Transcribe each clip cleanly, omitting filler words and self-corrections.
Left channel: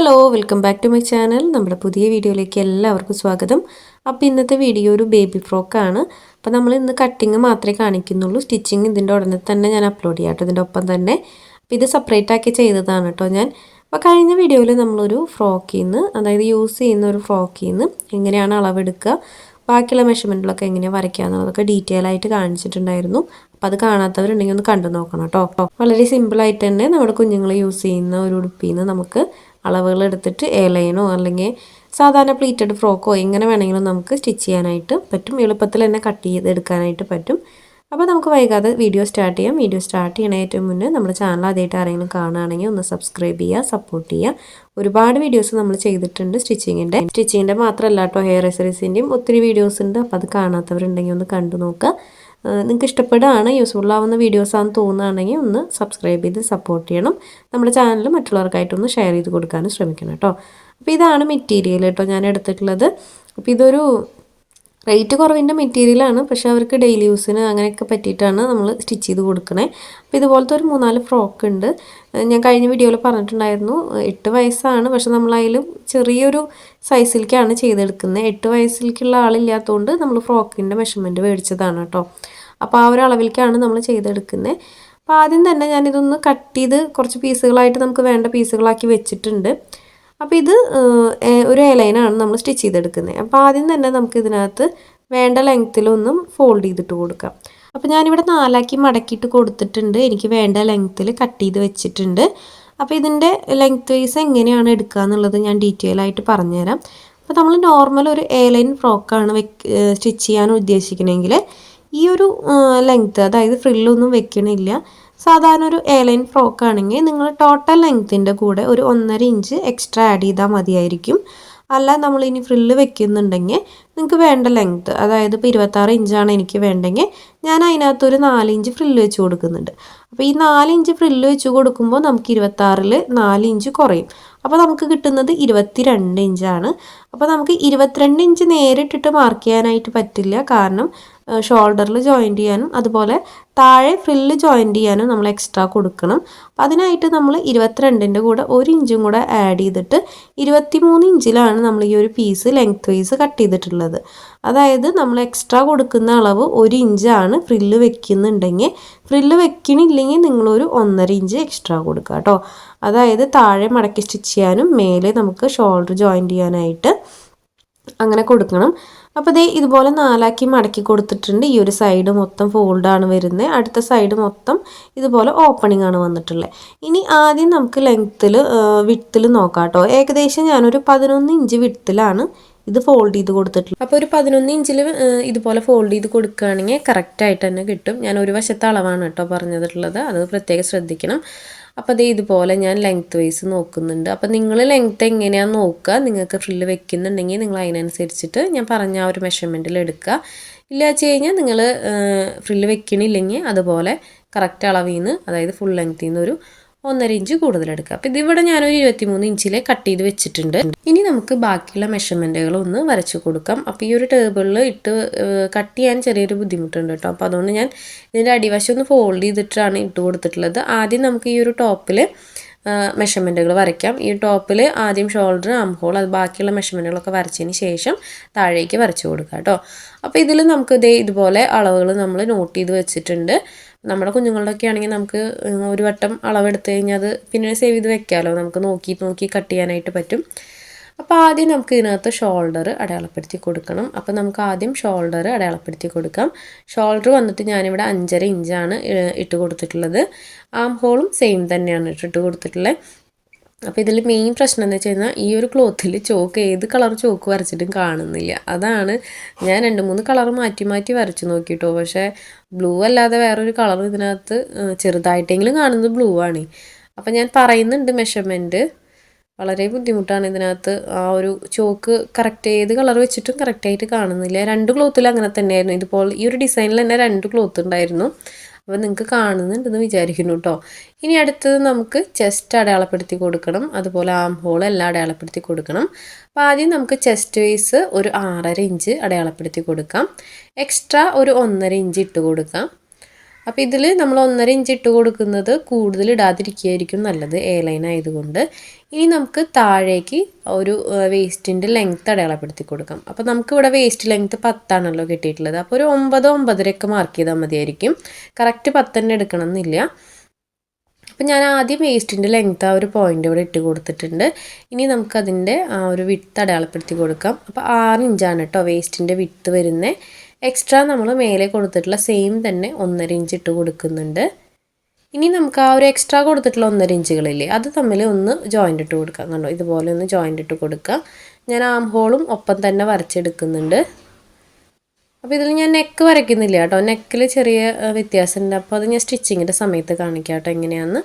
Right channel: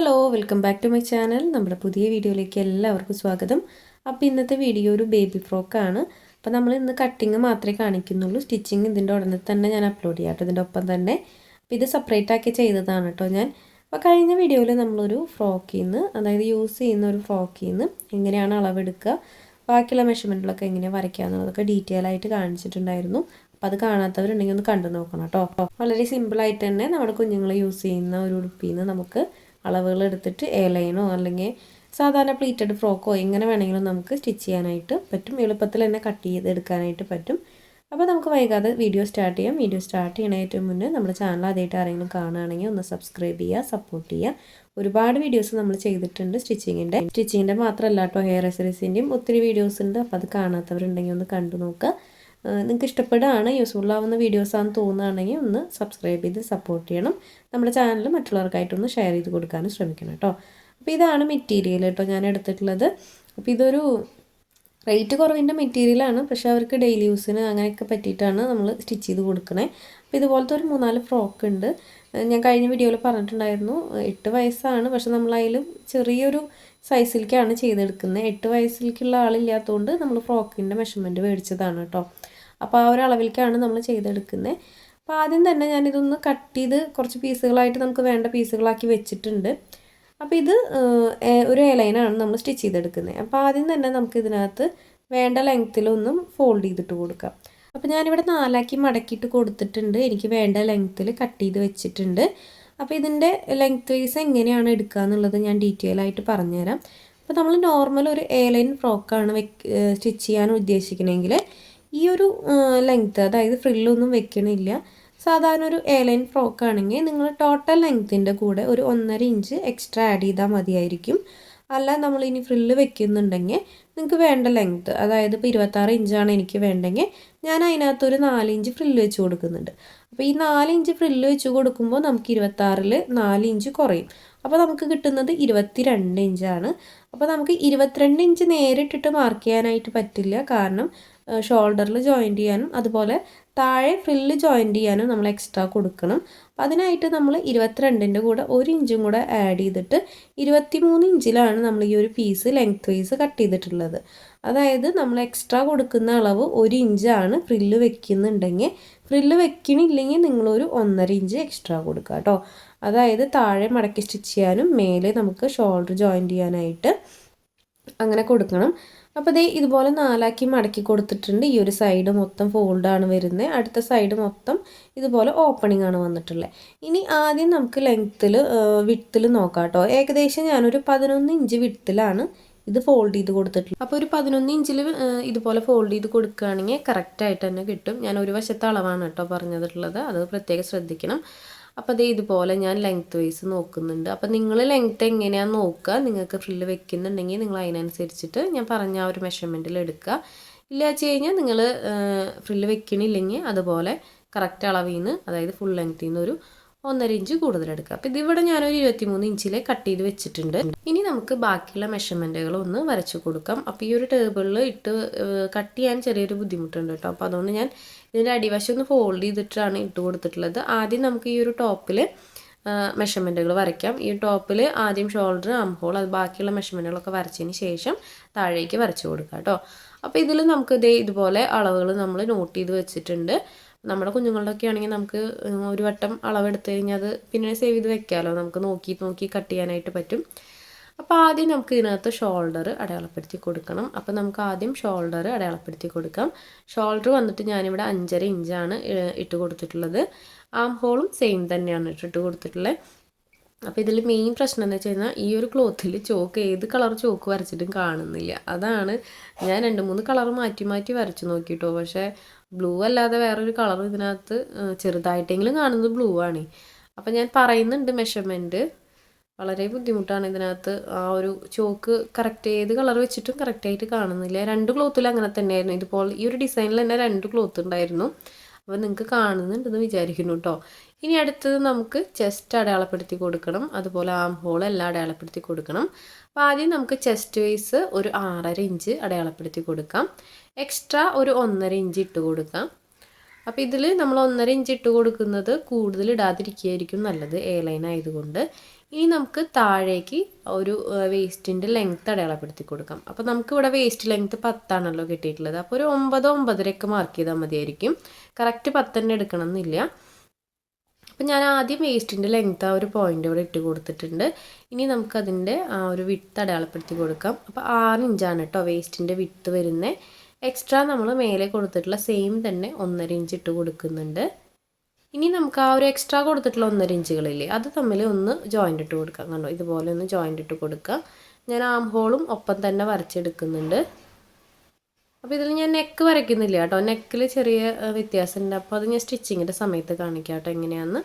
Hello welcome back to my channel. നമ്മുടെ പുതിയ വീഡിയോയിലേക്ക് എല്ലാവർക്കും സ്വാഗതം. അപ്പോൾ ഇന്നത്തെ വീഡിയോ ഒരു ബേബി ഫ്രോക്കാണ്. അപ്പോൾ നമ്മൾ ഇന്ന് കട്ടിങ് മാത്രമേ കാണിക്കുന്നുള്ളൂ. സ്റ്റിച്ചിങ് ഇതിൻ്റെ ഉടനെ തന്നെ ഞാൻ അപ്ലോഡ് ചെയ്യാം കേട്ടോ, ഇതിൻ്റെ ഒപ്പം തന്നെ. അപ്പോൾ ഇത് സെപ്പറേറ്റ് ആക്കി ചെയ്തതാണ് കേട്ടോ ഞാൻ. അപ്പോൾ കഴിഞ്ഞ വീഡിയോയിൽ നമ്മളൊരു ഫ്രോക്കിൽ നിന്ന്, അതായത് യൂസ് ചെയ്യുന്ന ഒരു ഫ്രോക്കിൽ നിന്ന് എങ്ങനെയാണ് അളവെടുക്കുക, ബാക്കിയുള്ള മെഷർമെൻറ്റിലൊക്കെ എങ്ങനെയാണ് വരയ്ക്കുക എന്നതൊക്കെ ഡീറ്റെയിൽ ആയിട്ട് കാണിച്ചിട്ടുണ്ടായിരുന്നു. അപ്പോൾ അത് കാണാത്തവരുണ്ടെങ്കിൽ ഒന്ന് കണ്ടു നോക്കണം കേട്ടോ. വളരെ സിമ്പിളായിട്ട് തന്നെ നമ്മുടെ കുഞ്ഞുങ്ങൾ യൂസ് ചെയ്യുന്ന ഒരു ഉടുപ്പിൽ നിന്ന് നമുക്ക് അളവുകൾ എടുത്തിട്ട് എയർലൈനോ അല്ലെങ്കിൽ സാധാരണ പ്ലീറ്റഡ് ഫ്രോക്കോ എങ്ങനെ വേണമെങ്കിലും നമുക്ക് സ്റ്റിച്ച് ചെയ്യാനായിട്ട് പറ്റും. എളുപ്പത്തിൽ തന്നെ കട്ട് ചെയ്തെടുക്കാനായിട്ട് പറ്റും. അപ്പോൾ നമുക്ക് വൈകാതെ വീഡിയോ സ്റ്റാർട്ട് ചെയ്യാം. വീഡിയോ സ്റ്റാർട്ട് ചെയ്യണ ഏറ്റവും മുന്നേ നമ്മുടെ ചാനൽ ആദ്യമായിട്ട് ആരെങ്കിലും കാണുകയാണെങ്കിൽ ഒന്ന് സബ്സ്ക്രൈബ് ചെയ്യുക, സപ്പോർട്ട് ചെയ്യുക. ഒരുപാട് വീഡിയോസ് നമ്മൾ ചെയ്തിട്ടുണ്ട് സ്റ്റിച്ചിങ്ങിൻ്റെ മാത്രമല്ല കേട്ടോ, ഹെയർ അക്സസറീസിൻ്റെയും ഒത്തിരി വീഡിയോസ് ഉണ്ട്. അപ്പോൾ അത് കാണാത്തവരുണ്ടെങ്കിൽ ഒന്ന് കണ്ടു നോക്കുക. നിങ്ങൾക്ക് ഇഷ്ടപ്പെടുകയാണ്, യൂസ്ഫുൾ ആവുന്ന വീഡിയോസാണെന്ന് തോന്നുകയാണെങ്കിൽ ഒന്ന് സബ്സ്ക്രൈബ് ചെയ്ത് സപ്പോർട്ട് ചെയ്യണം. നമ്മുടെ ചാനൽ മറ്റുള്ളവർക്കായിട്ടൊന്ന് ഷെയർ ചെയ്ത് കൊടുക്കാനും ശ്രമിക്കണം കേട്ടോ. അപ്പോൾ ഇതാണ് മെറ്റീരിയൽ കേട്ടോ ഞാൻ എടുത്തിട്ടുള്ളത്. അപ്പോൾ ഇതൊരു റേറ്റ് കുറവിൻ്റെ മെറ്റീരിയലാണ്, പക്ഷേ അവർക്ക് ഡെയിലി യൂസിന് അങ്ങനെയൊക്കെ പറ്റിയിട്ടാണ് നമ്മൾ സ്റ്റിച്ച് ചെയ്ത് കൊടുക്കണേ. അപ്പോൾ ഇതുപോലത്തെ ഒരു 3-4 ഫ്രോക്ക് ഉണ്ട്. ഞാൻ കഴിഞ്ഞ വീഡിയോയിൽ പറഞ്ഞിട്ടുണ്ടായിരുന്നു 8 വയസ്സാണ്, പക്ഷെ നമ്മളതിലും ചെറിയൊരു സൈസിലേക്കാണ് ചെയ്തെടുക്കുന്നത്. 8 വയസ്സിലേക്കുള്ള ആളില്ലാത്തതുകൊണ്ട് നമ്മൾ ഫ്രോക്കിൻ്റെ മെഷർമെൻറ്റ് മേടിച്ചതാണ് കേട്ടോ. അപ്പോൾ ആ ഒരു അളവിലേക്കാണ് നമ്മൾ ചെയ്തെടുക്കുന്നത്. അപ്പോൾ ആദ്യം തന്നെ ഞാനിതൊന്ന് കട്ട് ചെയ്ത് കുറച്ച് പീസുകളായിട്ട് നമുക്ക് വേണ്ട പീസുകളാക്കി വെച്ചിട്ടുണ്ട്. അപ്പോൾ ഇത് ഒരു എലൈനാണ് നമ്മൾ സ്റ്റിച്ച് ചെയ്തെടുക്കുന്നത്. അപ്പോൾ ആദ്യം തന്നെ നമുക്ക് ഇതിനകത്ത് വേണ്ട ലെങ്ത്തിലൊന്നും ഫോൾഡ് ചെയ്തിട്ട് കൊടുക്കാം. അപ്പോൾ ഞാനിവിടെ 4 മടക്കിയിട്ട് കൊടുത്തിട്ടുണ്ട്. എനിക്ക് വേണ്ട ലെങ്ത്തിൽ കട്ട് ചെയ്ത് വെച്ചിട്ടുണ്ട്. അപ്പോൾ ഇതിൻ്റെ ലെങ്ത് വൈസ് എങ്ങനെയാണ് എടുക്കുക എന്നുള്ളത് ഞാൻ ഡീറ്റെയിൽ ആയിട്ട് പറഞ്ഞുതരാം. അപ്പോൾ നമ്മൾ നോർമൽ ഒരു എയർലൈൻ ഫ്രോക്കാണ് സ്റ്റിച്ച് ചെയ്യാൻ ഉദ്ദേശിക്കണമെങ്കിൽ ഈ ഒരു ലെങ്ത്ത്, അതായത് ഫ്രില്ലൊന്നും വെക്കണില്ല. സാധാരണ ഒരു എയർലൈൻ ഫ്രോക്ക് ആണെങ്കിൽ നിങ്ങൾ ടോട്ടൽ ലെങ്ത്തിൻ്റെ കൂടെ ഒരു 1.5 ഇഞ്ച് എക്സ്ട്രാ ആഡ് ചെയ്താൽ മതിയായിരിക്കും. അല്ല നമ്മളിനി ഫ്രില്ല് വെക്കുന്നുണ്ടെങ്കിൽ നിങ്ങൾക്ക് വേണ്ട ലെങ്ത്ത്, അതായത് ഇപ്പോൾ 26 ഇഞ്ചാണ് എനിക്ക് വേണ്ടെങ്കിൽ ഞാൻ അതിനകത്തൊരു 4 ഇഞ്ച് ഫ്രില്ല് വെച്ച് കൊടുക്കുന്നുണ്ട്. അപ്പോൾ ഈ 4 ഇഞ്ച് ഫ്രില്ല് വെച്ച് കൊടുക്കുമ്പോൾ നമുക്ക് 26-ൽ 4 ഇഞ്ച് കുറയും. അപ്പോൾ നമുക്ക് കിട്ടുന്നത് 22 ഇഞ്ചാണ്. അപ്പോൾ നമുക്ക് 22 ഇഞ്ച് നേരിട്ടിട്ട് മാർക്ക് ചെയ്യാനായിട്ട് പറ്റില്ല, കാരണം ഷോൾഡറിൽ ജോയിൻറ്റ് ചെയ്യാനും അതുപോലെ താഴെ ഫ്രില്ല് ജോയിൻറ്റ് ചെയ്യാനും നമ്മൾ എക്സ്ട്രാ കൊടുക്കണം. അപ്പോൾ അതിനായിട്ട് നമ്മൾ 22ൻ്റെ കൂടെ 1 ഇഞ്ചും കൂടെ ആഡ് ചെയ്തിട്ട് 23 ഇഞ്ചിലാണ് നമ്മൾ ഈ ഒരു പീസ് ലെങ്ത് വൈസ് കട്ട് ചെയ്തിട്ടുള്ളത്. അതായത് നമ്മൾ എക്സ്ട്രാ കൊടുക്കുന്ന അളവ് 1 ഇഞ്ചാണ്. ഫ്രില്ല് വെക്കുന്നുണ്ടെങ്കിൽ, ഫ്രില്ല് വെക്കണില്ലെങ്കിൽ നിങ്ങളൊരു 1.5 ഇഞ്ച് എക്സ്ട്രാ കൊടുക്കുക കേട്ടോ. അതായത് താഴെ മടക്കി സ്റ്റിച്ച് ചെയ്യാനും മേലെ നമുക്ക് ഷോൾഡർ ജോയിൻറ്റ് ചെയ്യാനായിട്ട് അങ്ങനെ കൊടുക്കണം. അപ്പോൾ ദേ ഇതുപോലെ 4 മടക്കി കൊടുത്തിട്ടുണ്ട്. ഈ ഒരു സൈഡ് മൊത്തം ഫോൾഡാണ് വരുന്നത്, അടുത്ത സൈഡ് മൊത്തം ഇതുപോലെ ഓപ്പണിംഗ് ആണ് വന്നിട്ടുള്ളത്. ഇനി ആദ്യം നമുക്ക് വിഡ്ത്തിൽ നോക്കാം കേട്ടോ. ഏകദേശം ഞാനൊരു 11 ഇഞ്ച് വിഡ്ത്തിലാണ് ഇത് ഫോൾഡ് ചെയ്ത് കൊടുത്തിട്ടുള്ളത്. അപ്പോൾ ഒരു 11 ഇഞ്ചിൽ ഇതുപോലെ ഫോൾഡ് ചെയ്ത് കൊടുക്കുകയാണെങ്കിൽ കറക്റ്റായിട്ട് തന്നെ കിട്ടും. ഞാൻ ഒരു വശത്തെ അളവാണ് കേട്ടോ പറഞ്ഞിട്ടുള്ളത്, അത് പ്രത്യേകം ശ്രദ്ധിക്കണം. അപ്പോൾ അതേ ഇതുപോലെ ഞാൻ ലെങ്ത്ത് വൈസ് നോക്കുന്നുണ്ട്. അപ്പോൾ നിങ്ങൾ ലെങ്ത്ത് എങ്ങനെയാണെന്ന് നോക്കുക. നിങ്ങൾക്ക് ഫ്രില്ല് വെക്കുന്നുണ്ടെങ്കിൽ നിങ്ങൾ അതിനനുസരിച്ചിട്ട് ഞാൻ പറഞ്ഞ ആ ഒരു മെഷർമെൻറ്റിൽ എടുക്കുക. ഇല്ല വെച്ച് കഴിഞ്ഞാൽ നിങ്ങൾ ഫ്രില്ല് വെക്കണില്ലെങ്കിൽ അതുപോലെ കറക്റ്റ് അളവിൽ നിന്ന്, അതായത് ഫുൾ ലെങ്ത്തിൽ നിന്ന് ഒരു 1.5 ഇഞ്ച് കൂടുതലെടുക്കുക. അപ്പോൾ ഇതിവിടെ ഞാനൊരു 23 ഇഞ്ചിൽ കട്ട് ചെയ്ത് വെച്ചിട്ടുണ്ട്. ഇനി നമുക്ക് ബാക്കിയുള്ള മെഷർമെൻറ്റുകളൊന്ന് വരച്ച് കൊടുക്കാം. അപ്പോൾ ഈ ഒരു ടേബിളിൽ ഇട്ട് കട്ട് ചെയ്യാൻ ചെറിയൊരു ബുദ്ധിമുട്ടുണ്ട് കേട്ടോ. അപ്പോൾ അതുകൊണ്ട് ഞാൻ ഇതിൻ്റെ അടിവശം ഒന്ന് ഫോൾഡ് ചെയ്തിട്ടാണ് ഇട്ട് കൊടുത്തിട്ടുള്ളത്. ആദ്യം നമുക്ക് ഈ ഒരു ടോപ്പിൽ മെഷർമെൻറ്റുകൾ വരയ്ക്കാം. ഈ ടോപ്പിൽ ആദ്യം ഷോൾഡർ, ആം ഹോൾ, അത് ബാക്കിയുള്ള മെഷർമെൻറ്റുകളൊക്കെ വരച്ചതിന് ശേഷം താഴേക്ക് വരച്ച് കൊടുക്കുക കേട്ടോ. അപ്പോൾ ഇതിൽ നമുക്ക് ഇതുപോലെ അളവുകൾ നമ്മൾ നോട്ട് ചെയ്ത് വെച്ചിട്ടുണ്ട്. നമ്മുടെ കുഞ്ഞുങ്ങളുടെയൊക്കെ ആണെങ്കിൽ നമുക്ക് ഒരു വട്ടം അളവെടുത്ത് കഴിഞ്ഞാൽ അത് പിന്നെ സേവ് ചെയ്ത് വെക്കാമല്ലോ, നമുക്ക് നോക്കി കട്ട് ചെയ്യാനായിട്ട് പറ്റും. അപ്പോൾ ആദ്യം നമുക്ക് ഇതിനകത്ത് ഷോൾഡർ അടയാളപ്പെടുത്തി കൊടുക്കണം. അപ്പോൾ നമുക്ക് ആദ്യം ഷോൾഡർ അടയാളപ്പെടുത്തി കൊടുക്കാം. ഷോൾഡർ വന്നിട്ട് ഞാനിവിടെ 5.5 ഇഞ്ചാണ് ഇട്ട് കൊടുത്തിട്ടുള്ളത്. ആം ഹോളും സെയിം തന്നെയാണ് ഇട്ട് കൊടുത്തിട്ടുള്ളത്. അപ്പോൾ ഇതിൽ മെയിൻ പ്രശ്നം എന്ന് വെച്ച് കഴിഞ്ഞാൽ ഈ ഒരു ക്ലോത്തിൽ ഏത് കളർ ചോക്ക് വരച്ചിട്ടും കാണുന്നില്ല. അതാണ് ഞാൻ 2-3 കളർ മാറ്റി വരച്ച് നോക്കിയിട്ടോ, പക്ഷേ ബ്ലൂ അല്ലാതെ വേറൊരു കളർ ഇതിനകത്ത് ചെറുതായിട്ടെങ്കിലും കാണുന്നത് ബ്ലൂ ആണ്. അപ്പോൾ ഞാൻ പറയുന്നുണ്ട് മെഷർമെൻറ്റ്, വളരെ ബുദ്ധിമുട്ടാണ് ഇതിനകത്ത്. ആ ഒരു ചോക്ക് കറക്റ്റ് ഏത് കളർ വെച്ചിട്ടും കറക്റ്റായിട്ട് കാണുന്നില്ല. 2 ക്ലോത്തിൽ അങ്ങനെ തന്നെയായിരുന്നു. ഇതുപോലെ ഈ ഒരു ഡിസൈനിൽ തന്നെ 2 ക്ലോത്ത് ഉണ്ടായിരുന്നു. അപ്പോൾ നിങ്ങൾക്ക് കാണുന്നുണ്ടെന്ന് വിചാരിക്കുന്നു കേട്ടോ. ഇനി അടുത്തത് നമുക്ക് ചെസ്റ്റ് അടയാളപ്പെടുത്തി കൊടുക്കണം, അതുപോലെ ആം ഹോൾ എല്ലാം അടയാളപ്പെടുത്തി കൊടുക്കണം. അപ്പോൾ ആദ്യം നമുക്ക് ചെസ്റ്റ് വൈസ് ഒരു 6.5 ഇഞ്ച് അടയാളപ്പെടുത്തി കൊടുക്കാം. എക്സ്ട്രാ ഒരു 1.5 ഇഞ്ച് ഇട്ട് കൊടുക്കാം. അപ്പോൾ ഇതിൽ നമ്മൾ 1.5 ഇഞ്ച് ഇട്ട് കൊടുക്കുന്നത് കൂടുതൽ ഇടാതിരിക്കുകയായിരിക്കും നല്ലത്, എ ലൈൻ ആയതുകൊണ്ട്. ഇനി നമുക്ക് താഴേക്ക് ഒരു വേസ്റ്റിൻ്റെ ലെങ്ത്ത് അടയാളപ്പെടുത്തി കൊടുക്കാം. അപ്പോൾ നമുക്കിവിടെ വേസ്റ്റ് ലെങ്ത്ത് 10 ആണല്ലോ കിട്ടിയിട്ടുള്ളത്. അപ്പോൾ ഒരു 9, 9.5 മാർക്ക് ചെയ്താൽ മതിയായിരിക്കും. കറക്റ്റ് 10 തന്നെ എടുക്കണം എന്നില്ല. അപ്പോൾ ഞാൻ ആദ്യം വേസ്റ്റിൻ്റെ ലെങ്ത്ത് ആ ഒരു പോയിൻ്റ് ഇവിടെ ഇട്ട് കൊടുത്തിട്ടുണ്ട്. ഇനി നമുക്കതിൻ്റെ ആ ഒരു വിഡ്ത്ത് അടയാളപ്പെടുത്തി കൊടുക്കാം. അപ്പോൾ 6 ഇഞ്ചാണ് കേട്ടോ വേസ്റ്റിൻ്റെ വിഡ്ത്ത് വരുന്നത്. എക്സ്ട്രാ നമ്മൾ മേലെ കൊടുത്തിട്ടുള്ള സെയിം തന്നെ 1.5 ഇഞ്ച് ഇട്ട് കൊടുക്കുന്നുണ്ട്. ഇനി നമുക്ക് ആ ഒരു എക്സ്ട്രാ കൊടുത്തിട്ടുള്ള 1.5 ഇഞ്ചുകളില്ലേ, അത് തമ്മിൽ ഒന്ന് ജോയിൻ്റ് ഇട്ട് കൊടുക്കാം. കണ്ടോ, ഇതുപോലെ ഒന്ന് ജോയിൻ്റ് ഇട്ട് കൊടുക്കുക. ഞാൻ ആം ഹോളും ഒപ്പം തന്നെ വരച്ചെടുക്കുന്നുണ്ട്. അപ്പോൾ ഇതിൽ ഞാൻ നെക്ക് വരയ്ക്കുന്നില്ല കേട്ടോ, നെക്കിൽ ചെറിയ വ്യത്യാസമുണ്ട്. അപ്പോൾ അത് ഞാൻ സ്റ്റിച്ചിങ്ങിൻ്റെ സമയത്ത് കാണിക്കാം കേട്ടോ എങ്ങനെയാണെന്ന്.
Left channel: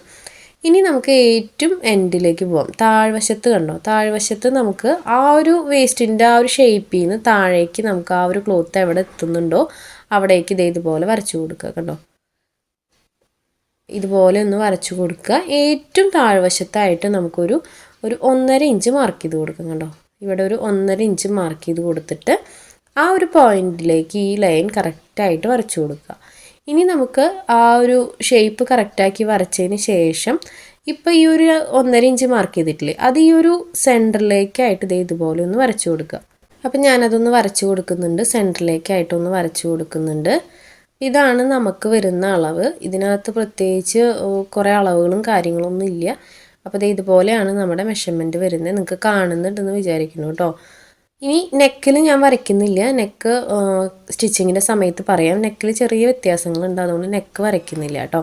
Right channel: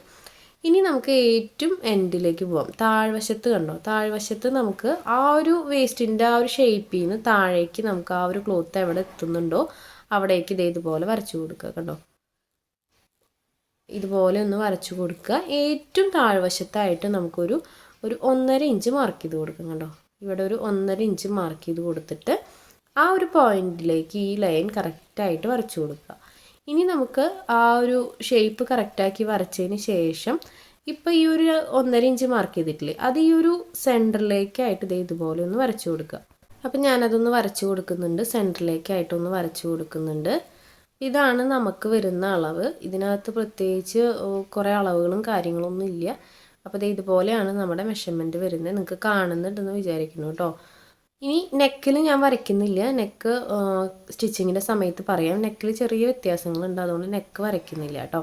ഇനി നമുക്ക് ഏറ്റവും എൻഡിലേക്ക് പോകാം. താഴ്വശത്ത് കണ്ടോ, താഴ്വശത്ത് നമുക്ക് ആ ഒരു വേസ്റ്റിൻ്റെ ആ ഒരു ഷേപ്പിൽ നിന്ന് താഴേക്ക് നമുക്ക് ആ ഒരു ക്ലോത്ത് എവിടെ എത്തുന്നുണ്ടോ അവിടേക്ക് ഇതുപോലെ വരച്ചു കൊടുക്കുക. കണ്ടോ, ഇതുപോലെ ഒന്ന് വരച്ചു കൊടുക്കുക. ഏറ്റവും താഴ്വശത്തായിട്ട് നമുക്കൊരു 1.5 ഇഞ്ച് മാർക്ക് ചെയ്ത് കൊടുക്കാം. കണ്ടോ, ഇവിടെ ഒരു 1.5 ഇഞ്ച് മാർക്ക് ചെയ്ത് കൊടുത്തിട്ട് ആ ഒരു പോയിന്റിലേക്ക് ഈ ലൈൻ കറക്റ്റായിട്ട് വരച്ചു കൊടുക്കുക. ഇനി നമുക്ക് ആ ഒരു ഷേപ്പ് കറക്റ്റാക്കി വരച്ചതിന് ശേഷം ഇപ്പോൾ ഈ ഒരു 1.5 ഇഞ്ച് മാർക്ക് ചെയ്തിട്ടില്ലേ, അത് ഈ ഒരു സെൻറ്ററിലേക്കായിട്ട് ഇതുപോലെ ഒന്ന് വരച്ചു കൊടുക്കുക. അപ്പം ഞാനതൊന്ന് വരച്ചു കൊടുക്കുന്നുണ്ട്, സെൻറ്ററിലേക്കായിട്ടൊന്ന് വരച്ചു കൊടുക്കുന്നുണ്ട്. ഇതാണ് നമുക്ക് വരുന്ന അളവ്. ഇതിനകത്ത് പ്രത്യേകിച്ച് കുറേ അളവുകളും കാര്യങ്ങളൊന്നും ഇല്ല. അപ്പോൾ ഇതുപോലെയാണ് നമ്മുടെ മെഷർമെൻറ്റ് വരുന്നത്. നിങ്ങൾക്ക് കാണുന്നുണ്ടെന്ന് വിചാരിക്കുന്നു കേട്ടോ. ഇനി നെക്കിൽ ഞാൻ വരയ്ക്കുന്നില്ല, നെക്ക് സ്റ്റിച്ചിങ്ങിൻ്റെ സമയത്ത് പറയാം. നെക്കിൽ ചെറിയ വ്യത്യാസങ്ങളുണ്ട്, അതുകൊണ്ട് നെക്ക് വരയ്ക്കുന്നില്ല കേട്ടോ.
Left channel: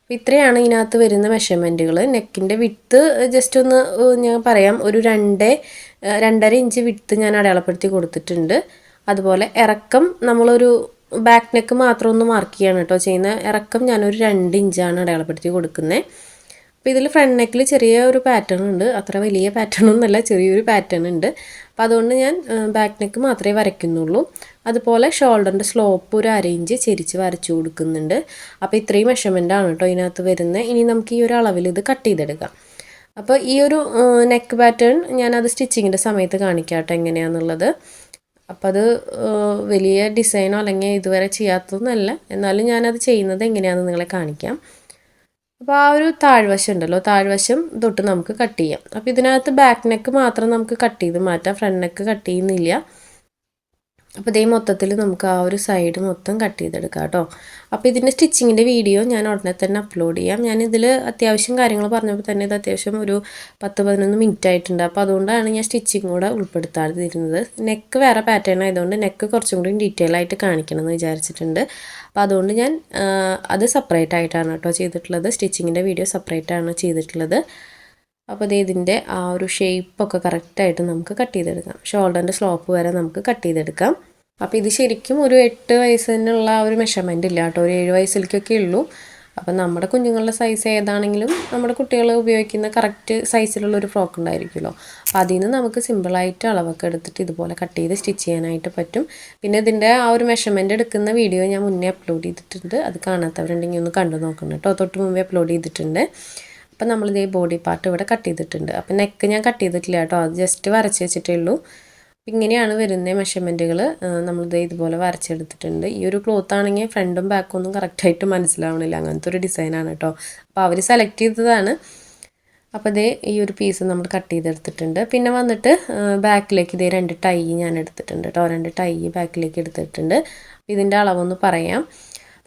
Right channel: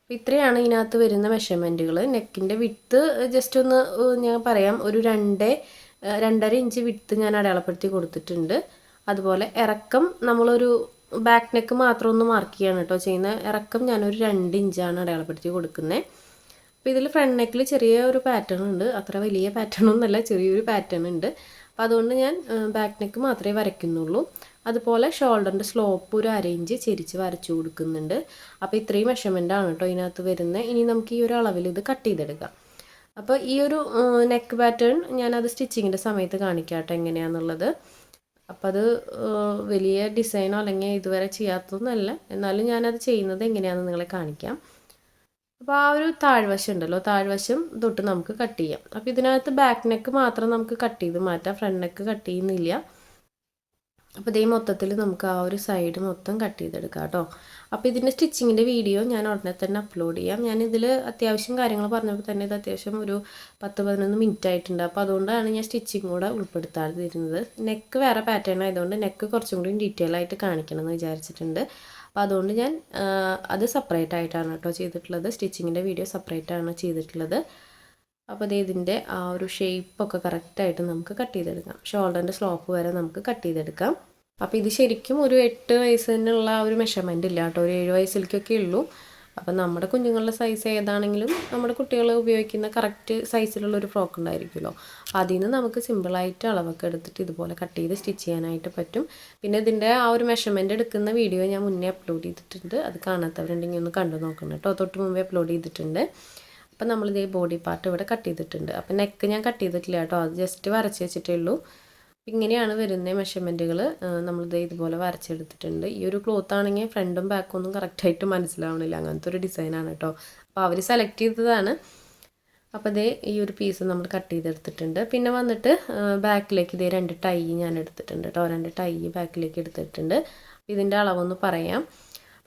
അപ്പോൾ ഇത്രയാണ് ഇതിനകത്ത് വരുന്ന മെഷർമെൻറ്റുകൾ. നെക്കിൻ്റെ വിഡ്ത്ത് ജസ്റ്റ് ഒന്ന് ഞാൻ പറയാം, ഒരു 2.5 ഇഞ്ച് വിഡ്ത്ത് ഞാൻ അടയാളപ്പെടുത്തി കൊടുത്തിട്ടുണ്ട്. അതുപോലെ ഇറക്കം നമ്മളൊരു ബാക്ക് നെക്ക് മാത്രം ഒന്ന് മാർക്ക് ചെയ്യാണ് കേട്ടോ ചെയ്യുന്നത്. ഇറക്കം ഞാനൊരു 2 ഇഞ്ചാണ് അടയാളപ്പെടുത്തി കൊടുക്കുന്നത്. അപ്പോൾ ഇതിൽ ഫ്രണ്ട് നെക്കിൽ ചെറിയ ഒരു പാറ്റേൺ ഉണ്ട്, അത്ര വലിയ പാറ്റേൺ ഒന്നുമല്ല, ചെറിയൊരു പാറ്റേൺ ഉണ്ട്. അപ്പോൾ അതുകൊണ്ട് ഞാൻ ബാക്ക് നെക്ക് മാത്രമേ വരയ്ക്കുന്നുള്ളൂ. അതുപോലെ ഷോൾഡറിൻ്റെ സ്ലോപ്പ് ഒരു 1/2 ഇഞ്ച് ചെരിച്ച് വരച്ചു കൊടുക്കുന്നുണ്ട്. അപ്പോൾ ഇത്രയും മെഷർമെൻറ്റാണ് കേട്ടോ ഇതിനകത്ത് വരുന്നത്. ഇനി നമുക്ക് ഈ ഒരു അളവിൽ ഇത് കട്ട് ചെയ്തെടുക്കാം. അപ്പോൾ ഈ ഒരു നെക്ക് പാറ്റേൺ ഞാനത് സ്റ്റിച്ചിങ്ങിൻ്റെ സമയത്ത് കാണിക്കാം കേട്ടോ എങ്ങനെയാണെന്നുള്ളത്. അപ്പോൾ അത് വലിയ ഡിസൈനോ അല്ലെങ്കിൽ ഇതുവരെ ചെയ്യാത്തതൊന്നുമല്ല, എന്നാലും ഞാനത് ചെയ്യുന്നത് എങ്ങനെയാണെന്ന് നിങ്ങളെ കാണിക്കാം. അപ്പോൾ ആ ഒരു താഴ്വശം ഉണ്ടല്ലോ, താഴ്വശം തൊട്ട് നമുക്ക് കട്ട് ചെയ്യാം. അപ്പോൾ ഇതിനകത്ത് ബാക്ക് നെക്ക് മാത്രം നമുക്ക് കട്ട് ചെയ്ത് മാറ്റാം, ഫ്രണ്ട് നെക്ക് കട്ട് ചെയ്യുന്നില്ല. അപ്പോൾ ഇതേ മൊത്തത്തിൽ നമുക്ക് ആ ഒരു സൈഡ് മൊത്തം കട്ട് ചെയ്തെടുക്കാം കേട്ടോ. അപ്പോൾ ഇതിൻ്റെ സ്റ്റിച്ചിങ്ങിൻ്റെ വീഡിയോ ഞാൻ ഉടനെ തന്നെ അപ്ലോഡ് ചെയ്യാം. ഞാനിതിൽ അത്യാവശ്യം കാര്യങ്ങൾ പറഞ്ഞപ്പോൾ തന്നെ ഇത് അത്യാവശ്യം ഒരു 10-11 മിനിറ്റ് ആയിട്ടുണ്ട്. അപ്പോൾ അതുകൊണ്ടാണ് ഞാൻ സ്റ്റിച്ചിങ് കൂടെ ഉൾപ്പെടുത്താതിരുന്നത്. നെക്ക് വേറെ പാറ്റേൺ ആയതുകൊണ്ട് നെക്ക് കുറച്ചും കൂടി ഡീറ്റെയിൽ ആയിട്ട് കാണിക്കണമെന്ന് വിചാരിച്ചിട്ടുണ്ട്. അപ്പോൾ അതുകൊണ്ട് ഞാൻ അത് സെപ്പറേറ്റ് ആയിട്ടാണ് കേട്ടോ ചെയ്തിട്ടുള്ളത്. സ്റ്റിച്ചിങ്ങിൻ്റെ വീഡിയോ സെപ്പറേറ്റ് ആണ് ചെയ്തിട്ടുള്ളത്. അപ്പോൾ ഇതിൻ്റെ ആ ഒരു ഷേപ്പൊക്കെ കറക്റ്റായിട്ട് നമുക്ക് കട്ട് ചെയ്തെടുക്കാം. ഷോൾഡറിൻ്റെ സ്ലോപ്പ് വരെ നമുക്ക് കട്ട് ചെയ്തെടുക്കാം. അപ്പോൾ ഇത് ശരിക്കും ഒരു 8 വയസ്സിനുള്ള ആ ഒരു മെഷർമെൻറ്റ് ഇല്ല കേട്ടോ, ഒരു 7 വയസ്സിലേക്കൊക്കെ ഉള്ളൂ. അപ്പം നമ്മുടെ കുഞ്ഞുങ്ങളുടെ സൈസ് ഏതാണെങ്കിലും നമ്മുടെ കുട്ടികൾ ഉപയോഗിക്കുന്ന കറക്റ്റ് സൈസിലുള്ളൊരു ഫ്രോക്ക് ഉണ്ടായിരിക്കുമല്ലോ. അപ്പോൾ അതിൽ നിന്ന് നമുക്ക് സിമ്പിളായിട്ട് അളവൊക്കെ എടുത്തിട്ട് ഇതുപോലെ കട്ട് ചെയ്ത് സ്റ്റിച്ച് ചെയ്യാനായിട്ട് പറ്റും. പിന്നെ ഇതിൻ്റെ ആ ഒരു മെഷർമെൻറ്റ് എടുക്കുന്ന വീഡിയോ ഞാൻ മുന്നേ അപ്ലോഡ് ചെയ്തിട്ടുണ്ട്, അത് കാണാത്തവരുണ്ടെങ്കിൽ ഒന്ന് കണ്ടു നോക്കണം കേട്ടോ. തൊട്ട് മുമ്പേ അപ്ലോഡ് ചെയ്തിട്ടുണ്ട്. അപ്പം നമ്മളിതേ ബോഡി പാർട്ട് ഇവിടെ കട്ട് ചെയ്തിട്ടുണ്ട്. അപ്പം നെക്ക് ഞാൻ കട്ട് ചെയ്തിട്ടില്ല കേട്ടോ, അത് ജസ്റ്റ് വരച്ച് വെച്ചിട്ടേ ഉള്ളൂ. ഇങ്ങനെയാണ് വരുന്ന മെഷർമെൻറ്റുകൾ. നമ്മളിത് ഇതുപോലെ വരച്ചെടുത്തിട്ടുണ്ട്. ഈ ഒരു ക്ലോത്ത് ആണെങ്കിൽ ഫ്രണ്ടും ബാക്കും ഒന്നും കറക്റ്റായിട്ട് മനസ്സിലാവണില്ല, അങ്ങനത്തെ ഒരു ഡിസൈനാണ് കേട്ടോ. അപ്പോൾ അവർ സെലക്ട് ചെയ്തതാണ്. അപ്പോൾ ഇതേ ഈ ഒരു പീസ് നമ്മൾ കട്ട് ചെയ്തെടുത്തിട്ടുണ്ട്. പിന്നെ വന്നിട്ട് ബാക്കിലേക്ക് ഇതേ 2 ടൈ ഞാൻ എടുത്തിട്ടുണ്ട് കേട്ടോ, 2 ടൈ ബാക്കിലേക്ക് എടുത്തിട്ടുണ്ട്. ഇതിൻ്റെ അളവൊന്ന് പറയാം.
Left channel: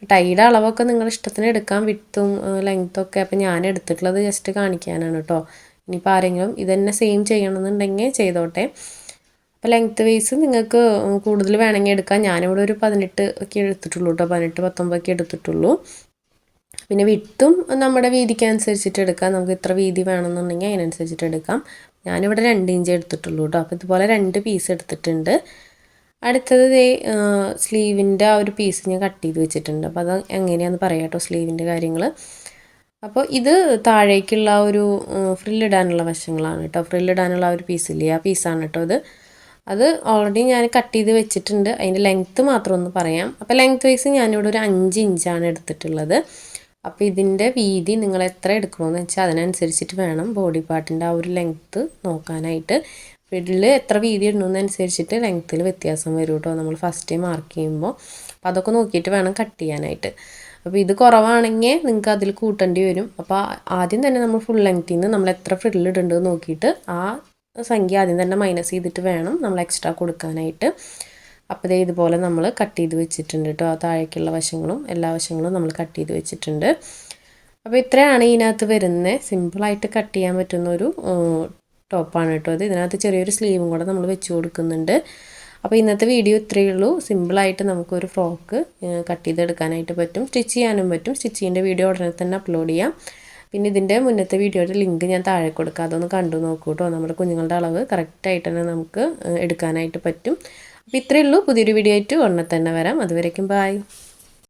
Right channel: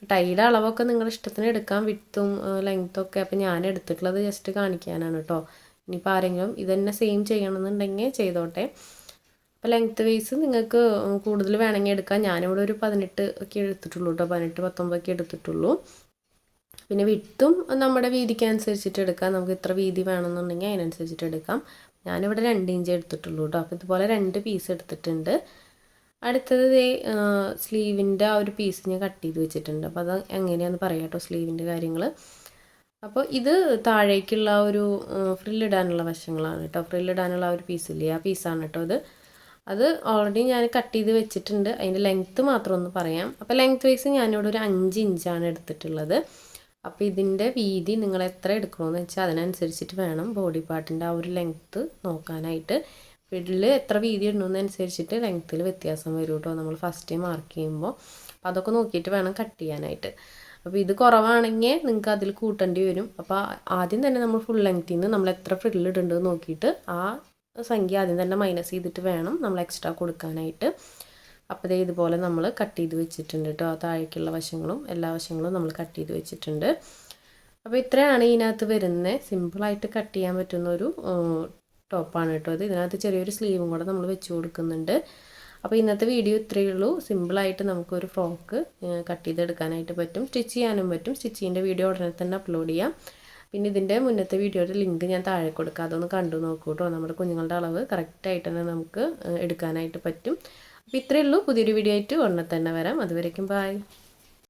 ടൈയുടെ അളവൊക്കെ നിങ്ങളുടെ ഇഷ്ടത്തിന് എടുക്കാം, വിഡ്ത്തും ലെങ്ത്തും ഒക്കെ. അപ്പോൾ ഞാൻ എടുത്തിട്ടുള്ളത് ജസ്റ്റ് കാണിക്കാനാണ് കേട്ടോ. ഇനിയിപ്പോൾ ആരെങ്കിലും ഇതന്നെ സെയിം ചെയ്യണമെന്നുണ്ടെങ്കിൽ ചെയ്തോട്ടെ. അപ്പോൾ ലെങ്ത്ത് വൈസ് നിങ്ങൾക്ക് കൂടുതൽ വേണമെങ്കിൽ എടുക്കാം. ഞാനിവിടെ ഒരു 18 ഒക്കെ എടുത്തിട്ടുള്ളൂ കേട്ടോ, 18-19 ഒക്കെ എടുത്തിട്ടുള്ളൂ. പിന്നെ വിഡ്ത്തും നമ്മുടെ വീതിക്ക് അനുസരിച്ചിട്ട് എടുക്കാം, നമുക്ക് ഇത്ര വീതി വേണമെന്നുണ്ടെങ്കിൽ അതിനനുസരിച്ചിട്ട് എടുക്കാം. ഞാനിവിടെ 2 ഇഞ്ച് എടുത്തിട്ടുള്ളൂ കേട്ടോ. അപ്പോൾ ഇതുപോലെ 2 പീസ് എടുത്തിട്ടുണ്ട്. അടുത്തത് സ്ലീവിൻ്റെ ആ ഒരു പീസ് ഞാൻ കട്ട് ചെയ്ത് വെച്ചിട്ടുണ്ട്. അപ്പോൾ അത് എങ്ങനെയാണെന്ന് പറയാം കേട്ടോ, സ്ലീവിൻ്റെ കാര്യങ്ങൾ. അപ്പോൾ ഇത് താഴേക്കുള്ള ഒരു ഫ്രില്ലിടാനുള്ള വശങ്ങളാണ് കേട്ടോ, ഫ്രില്ലിടാനുള്ള ഒരു പീസില്ലേ, ആ പീസാണ് കേട്ടോ അത് ഓൾറെഡി ഞാൻ കട്ട് ചെയ്ത് വെച്ചിട്ടുണ്ട്. അതിൻ്റെ ലെങ്ത്ത് മാത്രം ഒന്ന് പറയാം. അപ്പോൾ ലെങ്ത്ത് വൈസ് ഞാനിവിടെ ഒരു 5 ഇഞ്ചാണ് എടുത്തിട്ടുള്ളത്. അപ്പോൾ ഇതിൻ്റെ വീതി നിങ്ങൾ എത്ര എടുക്കണമെന്ന് വെച്ചാൽ അതിനനുസരിച്ചിട്ട് വേണം ബോഡി പാർട്ടിൻ്റെ ആ ഒരു ലെങ്ത്ത് നോക്കാനായിട്ട്. ഫ്രില്ലിൽ എത്ര വീതി ഇടണമെന്നനുസരിച്ചിട്ട് ലെങ്ത്തിൽ വ്യത്യാസം വരും കേട്ടോ നമ്മൾ ഫസ്റ്റ് മാർക്ക് ചെയ്യുമ്പോൾ. അപ്പോൾ അതൊക്കെ നോക്കിയിട്ട് വേണം കട്ട് ചെയ്യാനായിട്ട്. അപ്പോൾ ഇത് കുറവാണെങ്കിൽ നിങ്ങൾക്ക് അതിൽ കൂട്ടേണ്ടി വരും. അപ്പോൾ ആദ്യം തന്നെ നമ്മൾ ഫുൾ ലെങ്ത്തിൽ നിന്ന് നമ്മൾ എത്ര ഫ്രില്ലിടുന്നുണ്ട് നോക്കിയിട്ട് ആ സംഖ്യ ആദ്യം തന്നെ മൈനസ് ചെയ്തിട്ട് വേണം നമ്മൾ എക്സ്ട്രാ കൊടുക്കാനായിട്ട്. അപ്പോൾ ഇതുപോലെ നമ്മൾ കട്ട് ചെയ്ത് വെച്ചിട്ടുണ്ട് കേട്ടോ. ആ താഴേക്കുള്ള വശങ്ങളും എല്ലാ വശങ്ങളും നമ്മൾ കട്ട് ചെയ്ത് വെച്ചിട്ടുണ്ട്. അപ്പോൾ ഇത്രയാണ് ഇതിനകത്ത് വരുന്നത്. സിമ്പിളായിട്ട് കട്ട് ചെയ്യാൻ പറ്റുന്ന ഒരു ടോപ്പാണ് കേട്ടോ ഇത്. ഇതിനകത്ത് ചെറിയൊരു സ്ലീവും കൂടെ നമ്മൾ വെച്ച് കൊടുക്കുന്നുണ്ട്. അപ്പോൾ ഇന്നത്തെ വീഡിയോ ഇത്രയേ ഉള്ളൂ. സിമ്പിളായിട്ട് നമുക്കൊരു ഫ്രോക്ക് കട്ട് ചെയ്തെടുക്കാനായിട്ട് പറ്റും, സ്റ്റിച്ച് ചെയ്യാനും പറ്റും. സ്റ്റിച്ചിങ്ങിൻ്റെ വീഡിയോ ഉടനെ തന്നെ അപ്ലോഡ് ചെയ്യാം. പിന്നെ ഇതിൻ്റെ മുന്നത്തെ വീഡിയോയുടെ ലിങ്ക് ഞാൻ താഴെ കൊടുക്കാം, അതൊന്ന് കണ്ടു നോക്കൂ കേട്ടോ. നമ്മുടെ കുഞ്ഞുങ്ങളുടെ അളവ് കറക്റ്റായിട്ട് തന്നെ നമുക്ക് എടുക്കാനായിട്ട് പറ്റും. അപ്പോൾ ഇത്രയേ ഉള്ളൂ. പുതിയൊരു വീഡിയോ ആയിട്ട് ഉടനെ തന്നെ വരാം. അതുവരേക്കും ബൈ.